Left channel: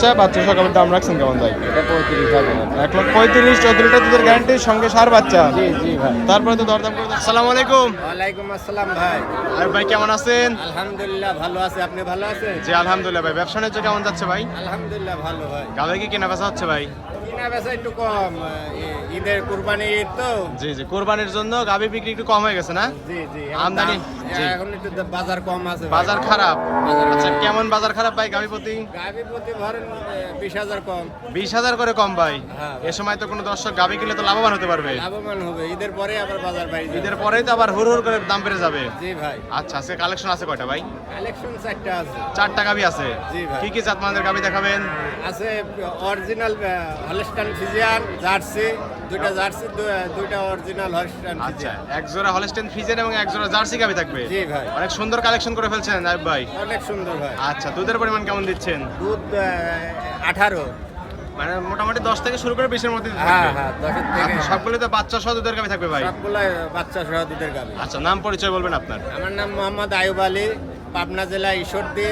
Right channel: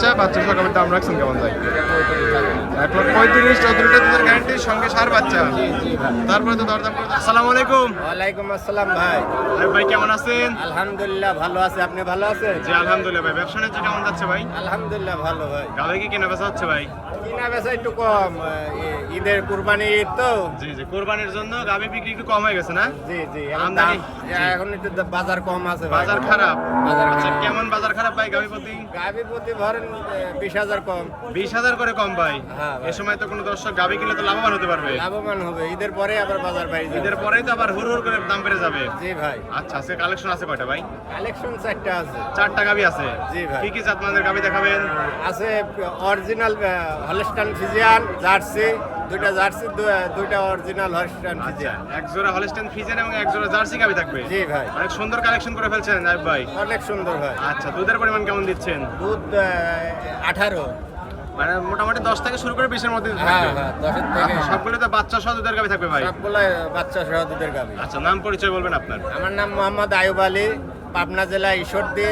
বাচ্চা, বাচ্চা সহ গাভীর দাম রাখছেন কেমন ভাই? 1,35,000, 14 লিটার দুধের গ্যারান্টি, সঙ্গে সার বাচ্চা। তারপরে তো দরদাম করে। আসসালামু আলাইকুম। ওয়ালাইকুম আসসালাম ভাই। আর ভাই কেমন আছেন? আলহামদুলিল্লাহ ভালো আছে, আপনি ভালো আছেন? জি আলহামদুলিল্লাহ ভাই। ব্যবসা বাণিজ্য কেমন যাচ্ছে ভাই? আলহামদুলিল্লাহ ভালো ভাই। গাভী কি কেনা বেচা হচ্ছে ভাই? কিনা বেচা একটু কম, ঈদের কুরবানি ঈদ তো। জি জি, কুরবানির জন্য গাভী বিক্রি একটু কম হয়ে গেছে না? জি জি, আমদানি এখন একটু বাজার কম আছে ভাই। বাজার খারাপ। বাজার আচ্ছা, খারাপ। কেমন বাজার খারাপ ভাই গাভী প্রতি? গাভী প্রতি ধরেন 20,000 কম। 20,000 করে কম ভাই। হ্যাঁ ভাই। এই সময় তো কোনো দর্শক গাভী কিনলে তো লাভবান হতে পারবে। লাভবান হবে, ঈদের পরে আবার বাজার বাড়ি যাবে। ঈদের পরেই তো আবার হুড় হুড় করে দাম বেড়ে যাবে। জি ভাই। আচ্ছা, আজকে কালেকশন আছে কয়টা ভাই? কালেকশন 4টা আছে। 4টা গাভী আছে। জি ভাই। কি কি জাতমানের গাভী দেখাবেন? আছে অরিজিনাল হলস্টাইন ফ্রিজিয়ান জার্সি, দুইটা জার্সি, দুইটা অরিজিনাল হলস্টাইন আচ্ছা, ফ্রিজিয়ান। এক জোড়া হলস্টেইন ফ্রিজিয়ান এবং এক জোড়া জার্সি গাভী থাকবে। জি ভাই। অনেক সুন্দর কালেকশন করে ফেলছেন নাইব ভাই। অনেক সুন্দর ভাই। আচ্ছা, দুধের পরিমাণ কেমন দিচ্ছেন? দুধ 18। মানে মোটামুটি 10 থেকে শুরু করে 20-এর মধ্যে দিতে হ্যাঁ থাকবে। হ্যাঁ, 10 থেকে আচ্ছা, সবগুলো তো বাচ্চা সহ দুধের গাভী থাকবে ভাই। সবগুলাই বাচ্চা সহ দুধের গাভী। আচ্ছা, নাম পরিচয় বলবেন আপনার? আমার নাম মোহাম্মদ আয়ুব আলী, পাবনা জেলা ঈশ্বরদী,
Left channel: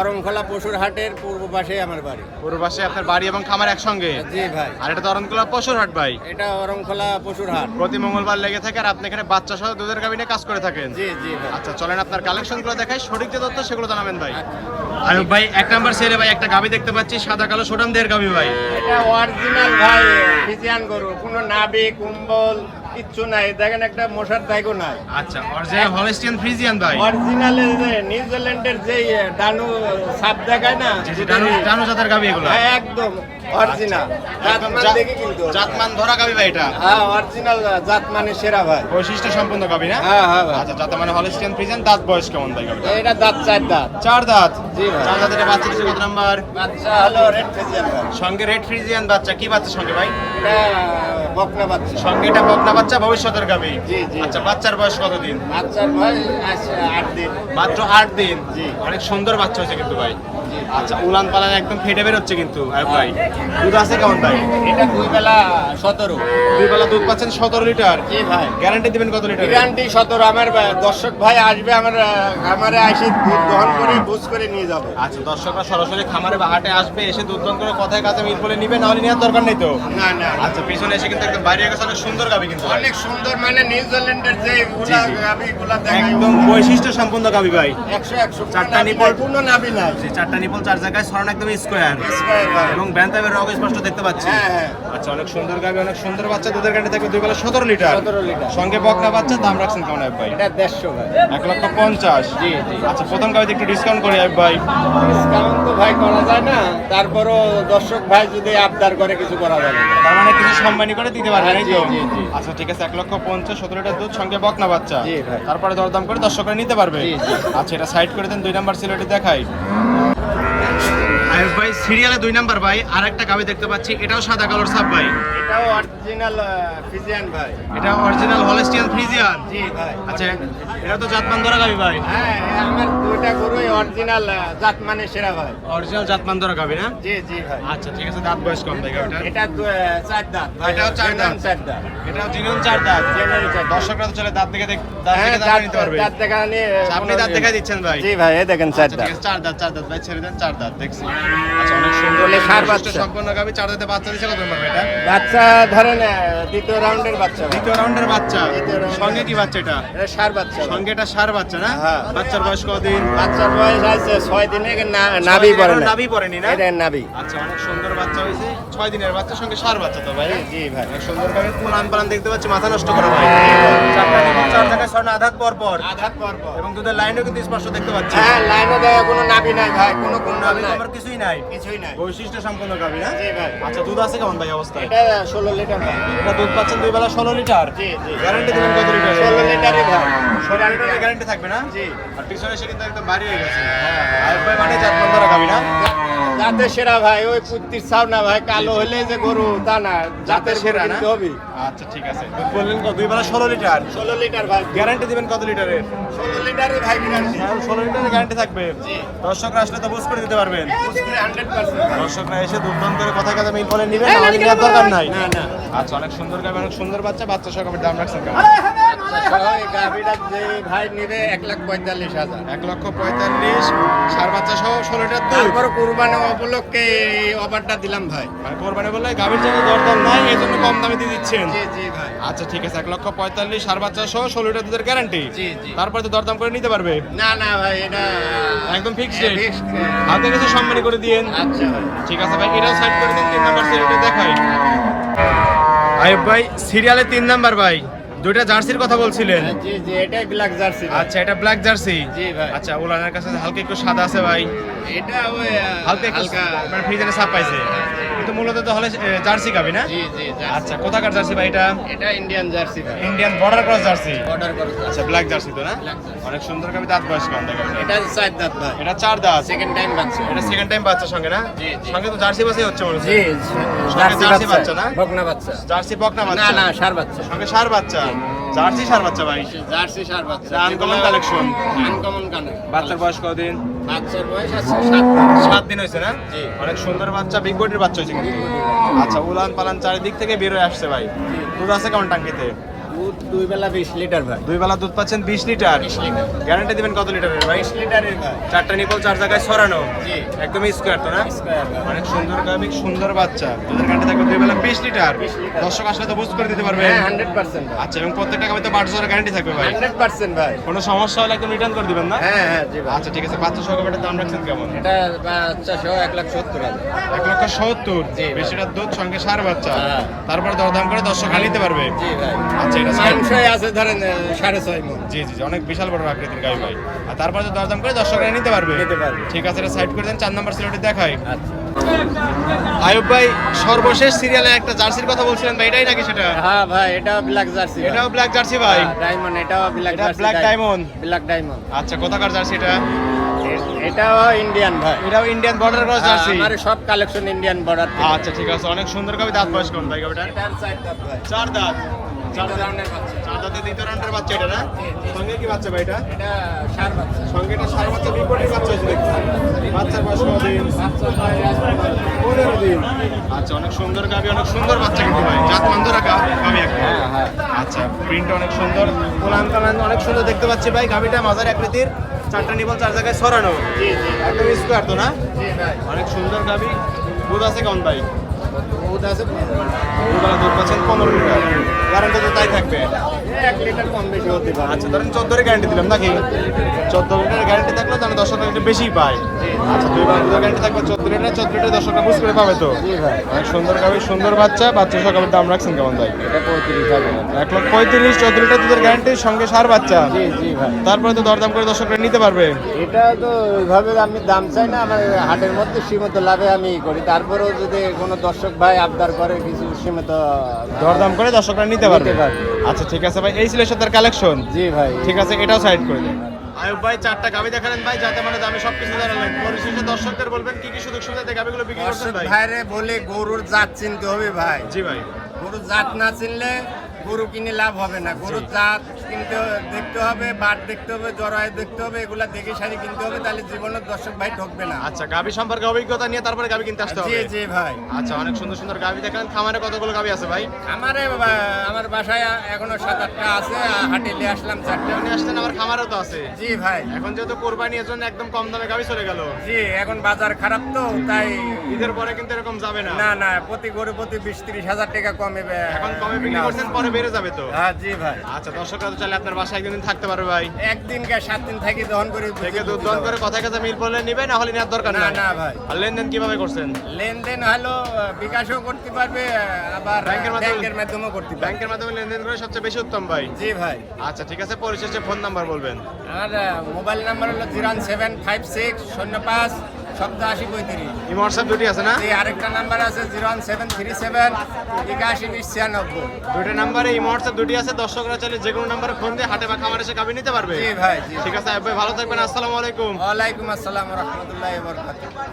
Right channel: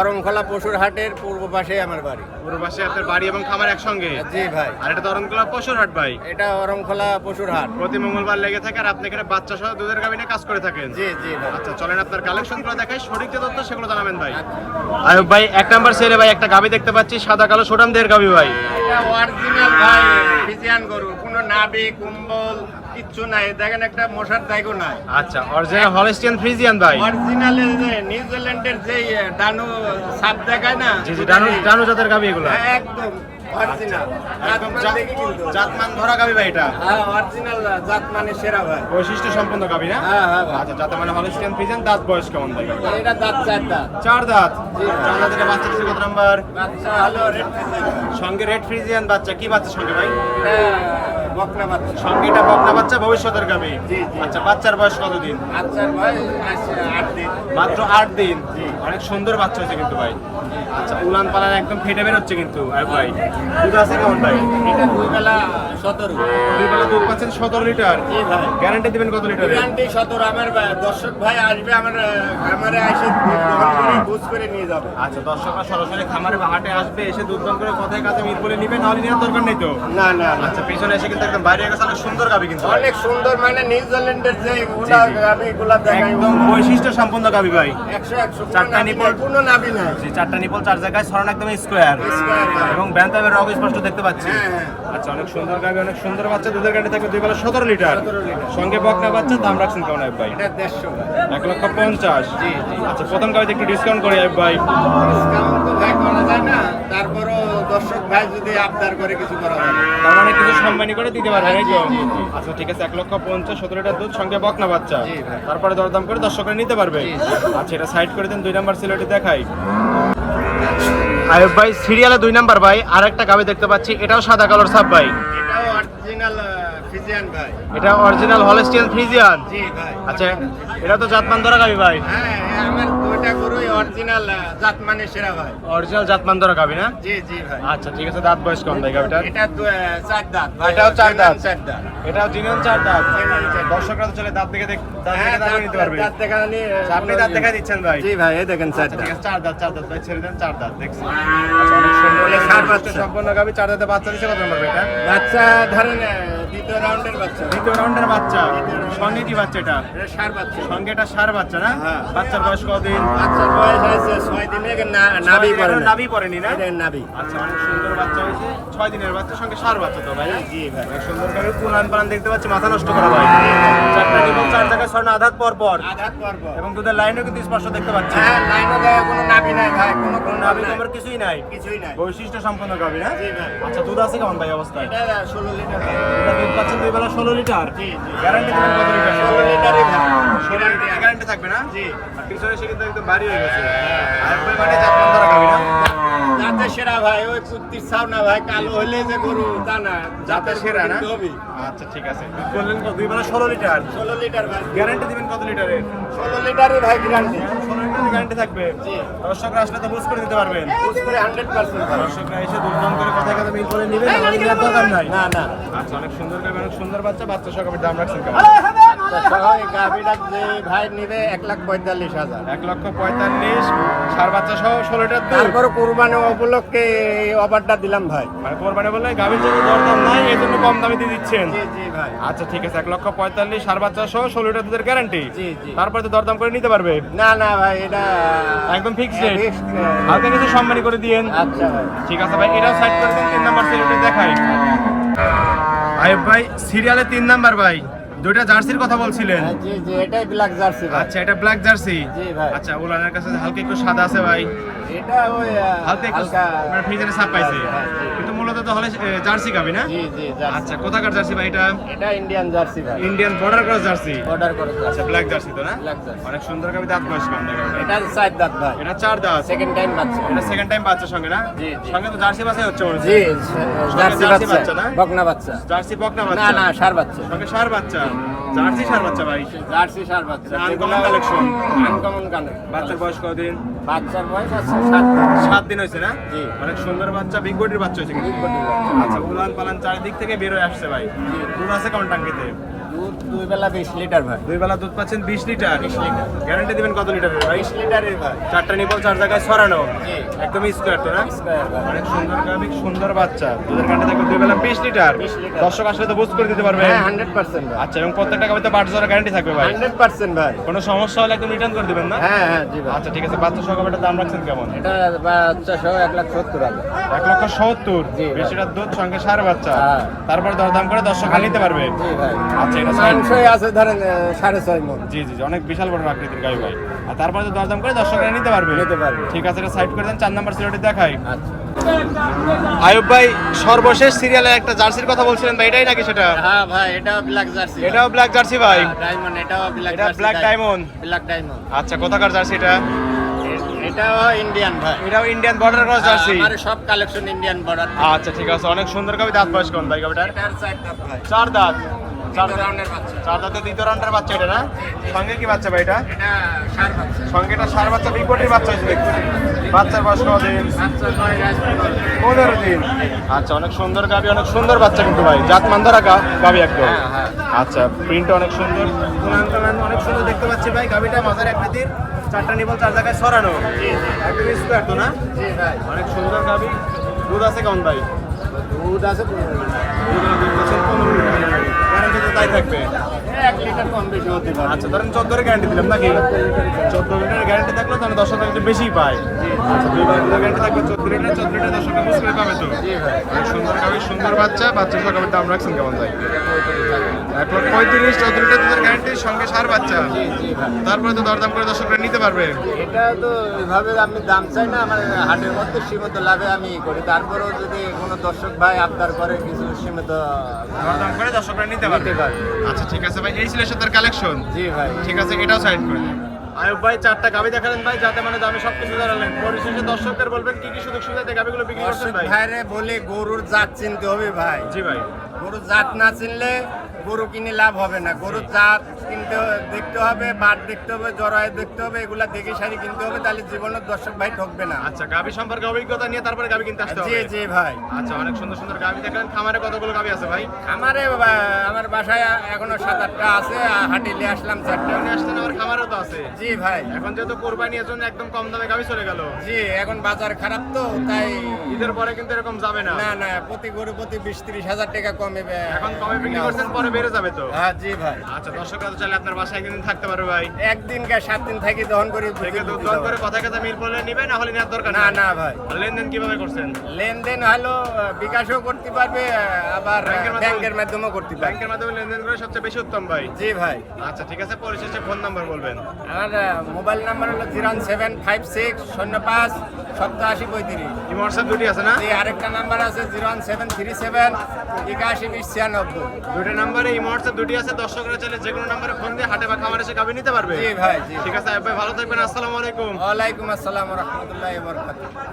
অরংখোলা পশুর হাটের পূর্ব পাশে আমার বাড়ি। পুরো পাশে আপনার বাড়ি এবং খামার একসঙ্গে? জি ভাই। আর এটা তো অরণকুলা পশুর হাট ভাই। এটা অরংখোলা পশুর হাট। প্রতি মঙ্গলবার লেগে থাকে, আর আপনি এখানে বাচ্চা সহ দুধের গাভী নিয়ে কাজ করে থাকেন? জি জি ভাই। আচ্ছা, চলেন আপনার কালেকশন গুলো দেখাই, সঠিক যে তথ্য সেগুলো জানাবেন ভাই। আচ্ছা। আর ভাই 1 নাম্বার সেরে ভাই একটা গাভী দেখতে পাচ্ছি, সাদা কালো সোটাম দেহের গাভী ভাই। এটা অরিজিনাল ভাই ফ্রিজিয়ান গরু, কোনো নাভি কুম্বল কিচ্ছু নাই, দেখেন একটা মশার দায়ও নাই। আচ্ছা, অরিজিনাল হলস্টিয়ান ফ্রিজিয়ান ভাই। অরিজিনাল নিউজিল্যান্ডের যে ডানু সাপ দেখায় না, জি জি, ডানু জাতের গাভী এগুলো। একদম অরিজিনাল, একদম কিন্তু জাতমান ধরা গাভী ভাই এটা। হ্যাঁ অরিজিনাল জাত মানে সেরা ভাই। বৈশিষ্ট্য সম্পন্ন গাভী না? হ্যাঁ হ্যাঁ ভাই। আচ্ছা, জাত মানে হলস্টিয়ান ফ্রিজিয়ান। দাঁত বয়স কেমন ভাই গাভীটা? এটা দাঁত 4 দাঁত। 4 দাঁত। জি ভাই। 4 দাঁতের বাচ্চা দিচ্ছে কত নাম্বার? বাচ্চা হলো রেড ফ্রিজিয়ান ভাই। সঙ্গে রেড ফ্রিজিয়ান বাচ্চা। কি বাচ্চা সঙ্গে ভাই? এটা বকনা বাচ্চা। সঙ্গে এটা বকনা বাচ্চা, ভবিষ্যতের গাভী। জি জি। আচ্ছা, বাচ্চার বয়স কতদিন? বাচ্চার বয়স আছে 8 দিন। মাত্র 8 দিন। জি। অনেক সুন্দর বাচ্চা হয়েছে কিন্তু ভাই। আচ্ছা, উলান পালান একদম ফেটে বের হচ্ছে কিন্তু আয়ুব ভাই। দুধ আছে কেমন ভাই? এটা 2 বেলা 17। 2 বেলা দুধ পাচ্ছেন 17 লিটার। জি ভাই। গ্যারান্টি দিবেন কত লিটারের? গ্যারান্টি 17। আমার দর্শক ভাই আসবে, আমার খামারে এসে দুধ দহন করে বুঝ করে নিয়ে যাবে। আচ্ছা, দর্শকরা সরাসরি খামারে বা হাটে আসবে, এসে দুধ দহন করে কথায় কাজে মিল বলে নিবে, না হলে নেওয়ার দরকার নেই তো? না না। আচ্ছা, পিছনে এসে কিন্তু একদম বাইরে গেছে, অনেক সুন্দর গাভী কিন্তু ভাই। অনেক সুন্দর, মানে নিউজিল্যান্ডের যে জি, জি। আমি গুলা দেখাই, একদম বৈশিষ্ট্য সম্পন্ন গাভী ভাই। 100 চারটা নিপল। কোনো নাভি নাই। জি, 4টা নিপল, 4 জায়গায় ছড়ানো, একদম স্কোয়ার। স্কয়ার ভাই। এবং ব্যান্তাবের রগ স্পষ্ট দেখতে পাচ্ছি। হ্যাঁ হ্যাঁ। আচ্ছা, অনেক সুন্দর গাভী, অনেক সুন্দর বাচ্চা। দুধের গ্যারান্টি থাকবে 2 বেলা 17 লিটার। 17 লিটার। সঙ্গে বকনা বাচ্চা। দাম রাখছেন কেমন আয়ুব ভাই? এটা 150 ভাই। 1,50,000। জি জি। আচ্ছা, প্রথম গাড়িতে একটু ডিসকাউন্ট করি আয়ুব ভাই। ডিসকাউন্ট তো ভাই করা যায় না, তারপরও দর্শক ভাই যদি আবদার করে কিছু করা যাবে। তার মানে কিছু সম্মানী করে দিতে পারবেন, এই তো? জি, জি, জি। আচ্ছা, ঠিক আছে। 1,50,000, 17 লিটার দুধ, সঙ্গে বকনা বাচ্চা। জি ভাই। তারপরে দরদাম করে দর্শকরা নিতে পারবে। জি, জি। আচ্ছা, এটা সাইড করে দেন। 2 নাম্বার সিলেটি দেখাই আয়ুব ভাই। সিরিয়ালে 2 নাম্বার ভাই আরেকটা গাভী দেখতে পাচ্ছি, এটাও সাদা কালোর সাপ ভাই। এটাও অরিজিনাল ফ্রিজিয়ান ভাই। এটা অরিজিনাল হলস্টিয়ান ফ্রিজিয়ান। জি ভাই। আচ্ছা, এটা তো জাতমান ধরা গাভী ভাই। হ্যাঁ, আমার দুইটা গরুই অরিজিনাল জাত মানে সেরা ভাই। অরিজিনাল জাতমান ধরা গাভী না? জি জি ভাই। আচ্ছা, ঠিক আছে। দাঁত বয়স কম ভাই গাভীটার? এটা 4 দাঁত ভাই। এটাও 4 দাঁত। 4 দাঁত। এটাও জিনিয়ন 4 দাঁত। জিনিয়ন 4 দাঁত। দর্শকরা তো চলে দাঁত দেখে হ্যাঁ, দাঁড়িয়ে নিতে পারবে। দাঁত দেখা নিয়ে আচ্ছা, আপনি দাঁত দেখাই দিচ্ছেন ভাই। জি ভাই, এই দেখেন 4 আচ্ছা, ঠিক দাঁত। আছে। 4 দাঁত, 4 দাঁত ভাই, ছেড়ে দেন। 4 দাঁত দেখছি। আচ্ছা, অনেক সুন্দর এটা সার বৈশিষ্ট্য বাচ্চা। সম্পন্ন গাভী। 4 দাঁতে বাচ্চা দিছে কত নম্বর এটা? বাচ্চা ধরেন দ্বিতীয় রাউন্ডের বাচ্চা ভাই। দ্বিতীয় রাউন্ডের বাচ্চা। দ্বিতীয় রাউন্ডের সঙ্গে কি বাচ্চা এটা? এটা সার বাচ্চা ভাই। সঙ্গে এটা সার বাচ্চা না? হ্যাঁ। বাচ্চার বয়স কতদিন? বাচ্চার বয়স আছে 6 দিনে, নাভি পড়ে এখনো না। নাভি পড়েনি না? এটা নাভি। আচ্ছা, অনেক সুন্দর বাচ্চা হয়েছে। 6 দিনের বাচ্চা, সঙ্গে সার বাচ্চা তো ভাই? জি ভাই। অনেক সুন্দর গাভী। পুরান পালান দেখতে পাচ্ছি, মাথা নষ্ট করা ভাই। 4টা নিপল, 4 জায়গায় ছড়ানো, আধাত পর পর। আঘাত পর্ব। এবং দুধের লাইনও কিন্তু স্পষ্ট দেখতে পাচ্ছি। হ্যাঁ, লাইনে দেয় কোনো নাভি নাই ভাই, কোনো কোনো নাভি তোমার কিছুই নাই। কিছুই নাই। বৈশিষ্ট্য সম্পন্ন গাভী না? জি ভাই। আচ্ছা, দুধ আছে কেমন ভাই অবস্থায়? এটা 16 লিটার ভাই। এটা দুধ পাচ্ছেন 2 বেলা 16 লিটার। জি জি। গ্যারান্টি দিবেন কত লিটার? 16 লিটারই ভাই। 16 লিটারের গ্যারান্টি থাকবে না? জি। আর পিছনে এসে কিন্তু একদম ভারী হয়ে গেছে। আয়ুব ভাই মানে জাতমান ধরা গাভী না? জাতের সেরা ভাই, ওই কুত্তির ছাও না ভাই, কালো হইলে যে গরু তা না, জাতের সেরা না? হবি। আচ্ছা, ঠিক আছে। দুধ বললেন কত? 2 বেলা 16 লিটার। 16 লিটার ভাই। গ্যারান্টি দিবেন কত লিটারের? 16 লিটারই ভাই গ্যারান্টি। 16 লিটারের গ্যারান্টি থাকবে। জি। দর্শকরা আসলে তো বুঝ করে দিতে পারবেন। বুঝ করে 100%। দর্শকরা এসে দুধ দাম করে কথা কথা মিল বলে নিবেন, না হলে নেওয়ার দরকার নাই। না না। আচ্ছা, অনেক সুন্দর গাভী, অনেক সুন্দর বাচ্চা। বাচ্চা সহ গাভীর দাম রাখছেন কেমন? বাচ্চা সহ এই গাভীটা যে ভাই নিবে 1,45,000। 1,45,000 সার বাচ্চা সহ 16 লিটার দুধ। তারপর কুরবানি উপলক্ষে এই অফারটা দিলাম ভাই। মানে কোরবানি বলে গাভীর জন্য দরদাম নাই, এই জন্য কম দামে দিয়ে দিচ্ছেন। জি জি ভাই। আচ্ছা ঠিক আছে, 1,45,000 সার বাচ্চা সহ 16 লিটার দুধের গ্যারান্টি। জি জি। তারপরে তো দরদাম করে নিতে পারবে। না না ভাই, এটা একদম ফিক্সড রেট। fixed। হালকা কিছু সম্মানী করে দিয়েন। আচ্ছা ভাই। ঠিক আছে ভাই, এটাও সাইড করে দেন। 3 নাম্বার সিরিয়ালটি দেখাই। আইব ভাই, সিরিয়ালে 3 নাম্বার ভাই, দুইটা জার্সির কথা বলছিলেন। জি জি, এটাই ব্ল্যাক জার্সি। আচ্ছা, এটা ব্ল্যাক জার্সি। জি ভাই। আচ্ছা, ওলানের কাছে হালকা একটু সাদা আছে ভাই, এটা ওই হালকা একটু মানে ফ্রিজে ছাপ পাইছে, কিন্তু মূলত তো হলে জার্সি গাবি না? জি জি জার্সি। আচ্ছা, কোথাকার জার্সি ভাই এটা? এটা ইন্ডিয়ান জার্সি ভাই। Indian border cross jersey. Order করে। আচ্ছা, ব্ল্যাক জার্সি তো না? Black jersey. অনেক সুন্দর গাবি, দাঁত বয়স কম দেখা যায়। এটা 4 দাঁত ভাই। এটা 4 দাঁত। সেকেন্ড টাইম বাচ্চা। এটা সেকেন্ড টাইম বাচ্চার সঙ্গে না? জি, জি। সঙ্গে তো জার্সি বাচ্চাই হচ্ছে মনে হচ্ছে। জি, জার্সি জার্সি বাচ্চা না? বকনা বাচ্চা। জার্সি বকনা না বাচ্চা। না, ষাঁড় বাচ্চা। সঙ্গে ষাঁড় বাচ্চা। জার্সি ষাঁড় বাচ্চা ভাই। জার্সি ষাঁড় বাচ্চা। Uncommon collection. Uncommon collection. বাচ্চার বয়স কতদিন? বাচ্চার বয়স আছে 7 দিন। 7 দিন হয়েছে না? জি। অনেক সুন্দর বাচ্চা, বিগ বডির বাচ্চা হয়েছে কিন্তু। আচ্ছা, উলান পালান চারিদিক থেকে বের হয়ে আসছে ভাই। দুধ আছে কেমন টাঙ্কিতে? দুধ 2 বেলা 20 লিটার ভাই। 2 বেলা দুধ পাচ্ছেন 20 লিটার। 20 লিটার। গ্যারান্টি দিবেন কত লিটারের ভাই? 20 লিটারের ভাই। 4টা নিপল 4 জায়গায় ছড়ানো। জি। একদম স্কোয়ার তো না? স্কয়ার ভাই। অনেক সুন্দর গাভী, সুন্দর বাচ্চা। দুধের গ্যারান্টি থাকবে 2 বেলা 20 লিটার। 20 লিটার। দর্শক আসলে তো বুঝ করে দিতে পারবে। হ্যাঁ 100% ভাই। আচ্ছা, এবং প্রত্যেকটা গাভীতে 5 বছরের গ্যারান্টি থাকবে ভাই। 100% ভাই। কোনো সমস্যা হলে একদম রিটার্ন করে দিবেন না? হ্যাঁ হ্যাঁ জি ভাই। আচ্ছা ঠিক আছে, বাচ্চা সহ গাভীটার দাম রাখছেন কেমন? এটা বাচ্চা সহ 1,70,000। 1,70,000। জি ভাই। বেশি লিটার দুধ, সঙ্গে ষাঁড় বাচ্চা। হ্যাঁ। তারপরে দরদাম করে দর্শকরা নিতে পারবে। জি ভাই। আচ্ছা, এটা সাইড। মাংসই আছে ধরেন 6.5 মণ। জি জি জি, অনেক বিশাল বড় আকৃতির গাভী ভাই। আর তারপরে তো দরদাম করে দর্শকরা নিতে পারবে। নিতে পারবে। ঠিক আছে, এটা সাইড করে দেন। 4 নাম্বার সিরিয়ালটি দেখাই। আচ্ছা। আয়ুব ভাই, সর্বশেষ সিরিয়ালে একটা জার্সির কথা বলছিলেন ভাই, এটাই নাকি সেটা? হ্যাঁ ভাই, এটা ব্ল্যাক জার্সি। এটাও ব্ল্যাক জার্সি ভাই। ডায়মন্ড, এটাও ব্ল্যাক এটা jersey. Black diamond. Black diamond. আচ্ছা, কোথাকার জার্সি এটা? এটাও ইন্ডিয়ান ভাই। এটাও ইন্ডিয়ান বর্ডার ক্রস জার্সি। আমারে সব কালেকশন ইন্ডিয়ান বর্ডার। আচ্ছা ঠিক আছে, অনেক সুন্দর গাভী। দাঁত বয়স কোন ভাই গাভীটার? এটার 4 দাঁত ভাই। 4 দাঁত। 4 দ্বিতীয় রাউন্ডের বাচ্চা। 4 দাঁতের দ্বিতীয় রাউন্ডের বাচ্চা এটা না? সঙ্গে কি বাচ্চা ভাই এটা? এটা ষাঁড় বাচ্চা। সঙ্গে এটা ষাঁড় বাচ্চা, বিগ বডির বাচ্চা হয়েছে দেখছি। বাচ্চার বয়স কতদিন? বাচ্চার বয়স আছে 15 দিন। আচ্ছা, অনেক সুন্দর গাভী, অনেক সুন্দর বাচ্চা কিন্তু ভাই, জাত মান ধরা গাভী একদম। হ্যাঁ, হ্যাঁ। আচ্ছা, প্রিন্ট অনেক সুন্দর, কোলান কালান অনেক সুন্দর দেখতে পাচ্ছি ভাই। গাভীটা মাঝারি আকৃতির, 4টা নিপল 4 জায়গায় ছড়ানো, জি জি একদম স্কোয়ার তো না? জি ভাই। অনেক সুন্দর গাভী। দুধ আছে কেমন ভাই? দুধ আছে 15 দুবেলা দুধ পাচ্ছেন 15 লিটার। গ্যারান্টি তো তাই থাকবে। 1 লিটার কম বেশি হতে পারে। আচ্ছা, ধরেন 14 এর গ্যারান্টি দিলাম নাকি? 14 লিটার গ্যারান্টি থাকলে তাহলে দর্শকরা একটু বেশি পায়। আচ্ছা, 2 বেলা দুধের গ্যারান্টি থাকবে 14 লিটার। 14 লিটার দর্শকরা বুঝ করে পাবে তো। জি ভাই। অনেক সুন্দর গাভী, সুন্দর বাচ্চা। বাচ্চা সহ গাভীর দাম রাখছেন কেমন ভাই? 1,35,000 14 লিটার দুধের গ্যারান্টির সঙ্গে ষাঁড় বাচ্চা। তারপরে তো দরদাম করে দর্শকরা নিতে পারবে। এটা তো ওইভাবে আমি দাম চাই না, আমার হাটের মধ্যে সীমিত লাভে আমি করি। তারপরেও যদি কোনো দর্শক ভাই আবদার করে কিছু সীমিত। দরদাম করে দর্শকরা নিতে পারবে। নিতে পারবে। আচ্ছা ঠিক আছে ভাই, এই ছিল তার কালেকশন। জি ভাই। ঠিক আছে, এটাও সাইড করে দেন। আয়ুব ভাই, 4টা গাভী দেখালেন ভাই, যাতে মানে দামে সবকিছু জানালেন। পরিশেষে দর্শকদের বলবেন কি কি সুযোগ সুবিধাতে গাভীগুলো বিক্রি করছেন দর্শক ভাই? ভাইরে বলে গরুর জাত চিনতে হবে ভাই। জি ভাই। গরুর জাত না চিনলে গরু কিনে লাভ হবে না। গরুর জাত কিনতে দেখতে হবে, বাট দেখতে হবে, জরায়ু দেখতে হবে, এগুলা দেখে সারি কিনতে হবে, তাহলে জীবনের দর্শক ভাই ঠকবে না। আচ্ছা, গাভী সম্পর্কে অভিজ্ঞতা নিয়ে তারপরে গাভী কিনতে আসতে জি হবে। জি ভাই। আচ্ছা, অনেক সুন্দর সুন্দর গাভী দেখলেন। খামারে কতগুলো গাভী আছে ভাই? আমার বাসায় এখনো 7-8টা আছে, হাটে নিয়ে আসলাম 4টা। আপনি আসছেন, আমার খামারেও তো আছে। জি ভাই। এখন যেহেতু কোরবানি, এর জন্য একদম কম দামে গাভী চলে গেল। জি, এখন বাজার খারাপ তো তাই। ঈদের পরে কিন্তু এরকম যাবে না। না না, প্রতি গরু প্রতি 20-30 হাজার টাকা কমে এখন কমে বিক্রি করছেন, পরে বেড়ে যাবে তো। হ্যাঁ জি ভাই। আচ্ছা, দর্শকরা তো চাইলে আপনার বাসায় একদিন থাকতে পারবে ভাই। একদিন 7 দিন থাকি দহন করি থেকে দুধ দর করে কথা কথা মিল বলে নিবে, না হলে নেওয়ার দরকার না নাই। না ভাই। আর লেনদেন কিভাবে করছেন? লেনদেন হলো বিকাশও করতে পারবে, আবার ব্যাংকের মাধ্যমেও করতে পারবে। ব্যাংকের মাধ্যমে লেনদেন করে সবচেয়ে বেশি উত্তম ভাই। জি ভাই। আচ্ছা ঠিক আছে, পরিশেষে ফোন নাম্বার বলবেন। আমার মোবাইল নাম্বার হলো 01756 এই হোয়াটসঅ্যাপ দুটি আছে না? জি, আরেকটা নাম্বার আছে 01737 8120 96। দুটো নাম্বারে এই হোয়াটসঅ্যাপ দুটি আছে। দর্শকরা চাইলে যে কোনো নাম্বারে ফোন দিয়ে হাটে বা খামারে এসে গাভী নিতে পারবে। জি ভাই। জি, ঠিক আছে আয়ুব ভাই, ভালো থাকবেন। আসসালামু আলাইকুম। ওয়ালাইকুম আসসালাম ওয়া রাহমাতুল্লাহি ওয়া বারাকাতুহু।